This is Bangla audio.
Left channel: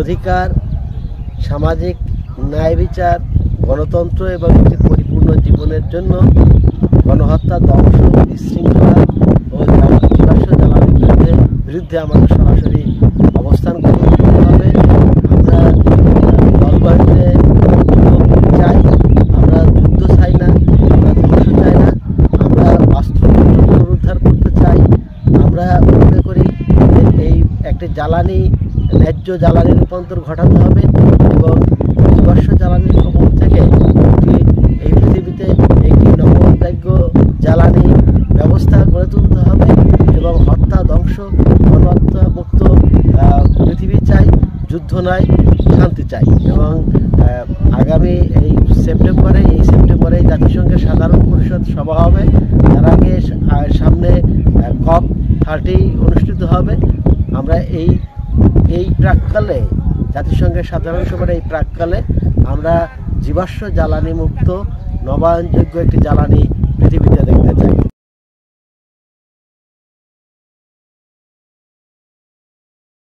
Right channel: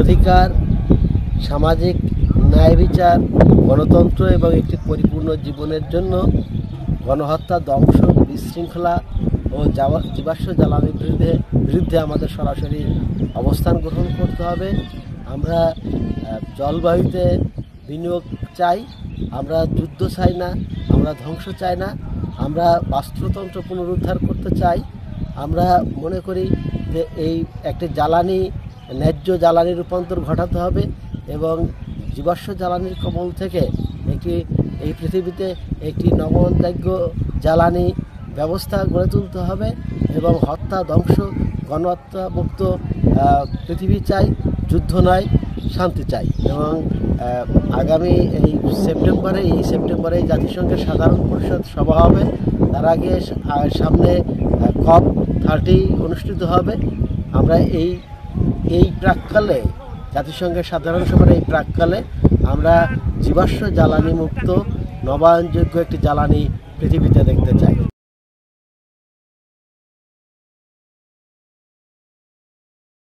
অধিকার, সামাজিক ন্যায় বিচার, গণতন্ত্র এবং একটি পরিপূর্ণ জীবনের জন্য গণহত্যা, ধ্বংস, বিশৃঙ্খলা ও জীবাশ্ম জ্বালানির বিরুদ্ধে আমাদের সরাসরি অবস্থান গ্রহণ করতে হবে। আমরা জলবায়ুতে বিনিয়োগ চাই, আমরা যুদ্ধ চাই না, আমরা ধ্বংস চাই না, আমরা বাস্তুতন্ত্র পুনরুদ্ধার করতে চাই। আমরা মনে করি যে এই একটি ন্যায্য জ্বালানি রূপান্তর ঘটাতে হবে এবং জীবাশ্ম জ্বালানির কবল থেকে এই পৃথিবীতে একটি নমনযোগ্য জ্বালানি ব্যবস্থা গড়ে তুলতে হবে এবং হত্যা, ধ্বংস, গণহত্যা মুক্ত পৃথিবী চাই, যুদ্ধ নয়, শান্তি চাই। এবং আগামী এই সেপ্টেম্বরে জাতিসংঘের সাধারণ পরিষদ সভা হবে। তার আগে সামনে COP30 অনুষ্ঠিত হবে। আমরা এই প্রাক্কালে, জাতিসংঘের সাধারণ সভার এই প্রাক্কালে আমরা জীবাশ্ম জ্বালানি মুক্ত নবায়নযোগ্য একটি জ্বালানি পৃথিবীতে দেখতে চাই।